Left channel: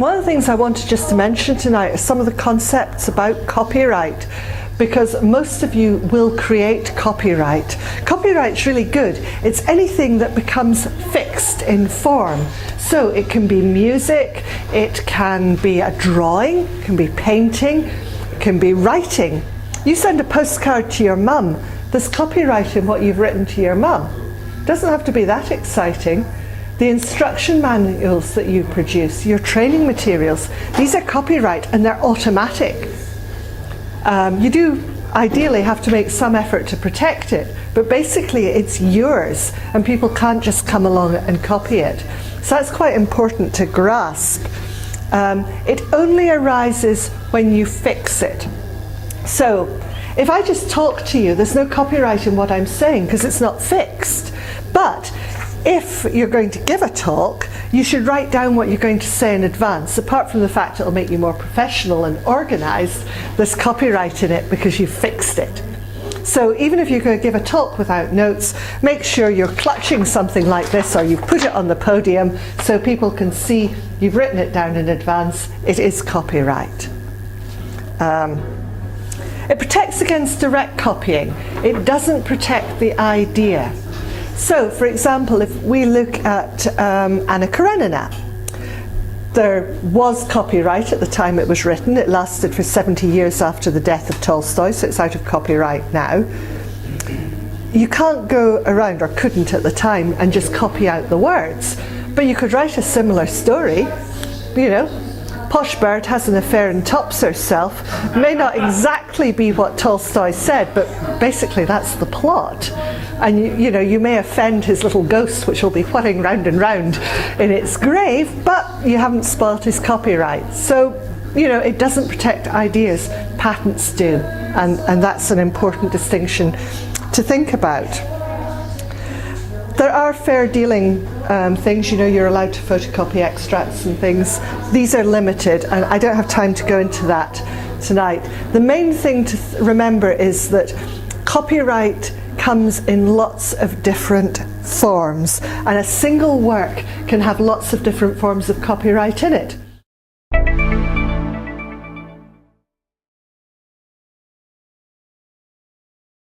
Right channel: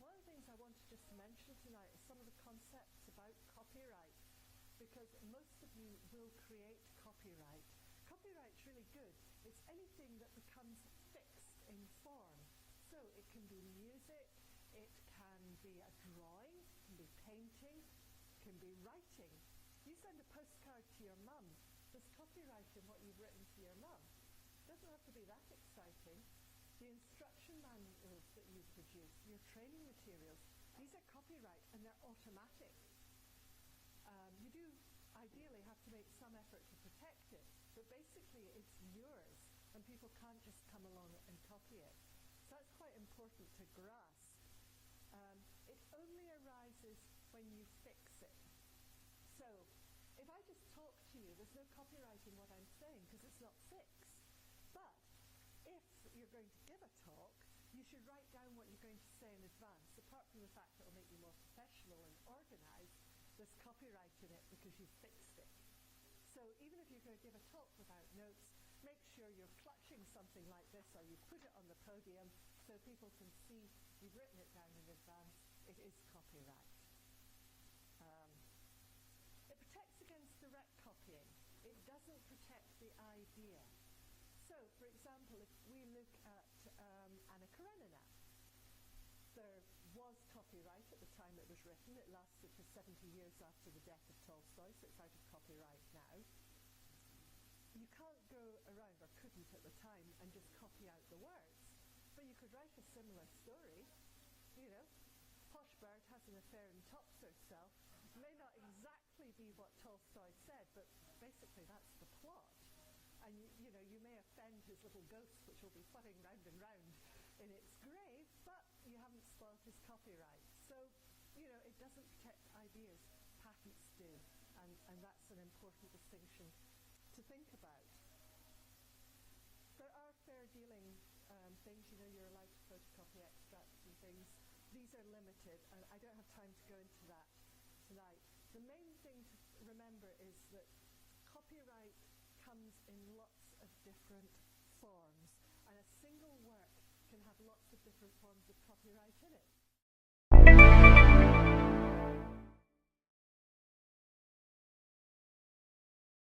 One of the things I wanted just to mention tonight are some of the concepts about copyright, because most of you will create copyright. Copyright's really good. It's anything that becomes fixed in form. So it can be music, it can be a drawing, it can be painting, it can be writing. You send a postcard to your mum, there's copyright in what you've written to your mum. It doesn't have to be that exciting. The instruction manuals that you produce, your training materials, these are copyright and they're automatic. You do ideally have to make some effort to protect it, but basically it's yours and people can't just come along and copy it. So that's quite important to grasp. It only arises when you fix it. So if I just talk to you, there's no copyright in what I'm saying because it's not fixed. But if you're going to give a talk, you should write down what you're going to say in advance. Apart from the fact it'll make you more professional and organised, there's copyright in it because you fixed it. So even if you're going to give a talk without notes, make sure you're clutching something like this or you've put it on the podium so people can see you've written it down in advance. It is copyright. It protects against direct copying. It doesn't protect the idea. So, for example, if we look at Anna Karenina, there was copyright at the time it was written. It lasted for 70 years after the death of Tolstoy, so it's out of copyright now. You can't go around, or couldn't at the time, and just copy out the words. But you could write a similar story, you know. Posh bird has an affair and tops herself. May not exactly be what Tolstoy said, but basically that's the plot. And you know, you may offend his little ghost, which will be whirling round and round in its grave, but you haven't spoilt his copyright. So, you know, it doesn't protect ideas, patents do. And that's an important distinction to think about. There are fair dealing things, you know, you're allowed to photocopy extracts and things. These are limited, and I don't have time to go into that tonight. The main thing to remember is that copyright comes in lots of different forms, and a single work can have lots of different forms of copyright in it.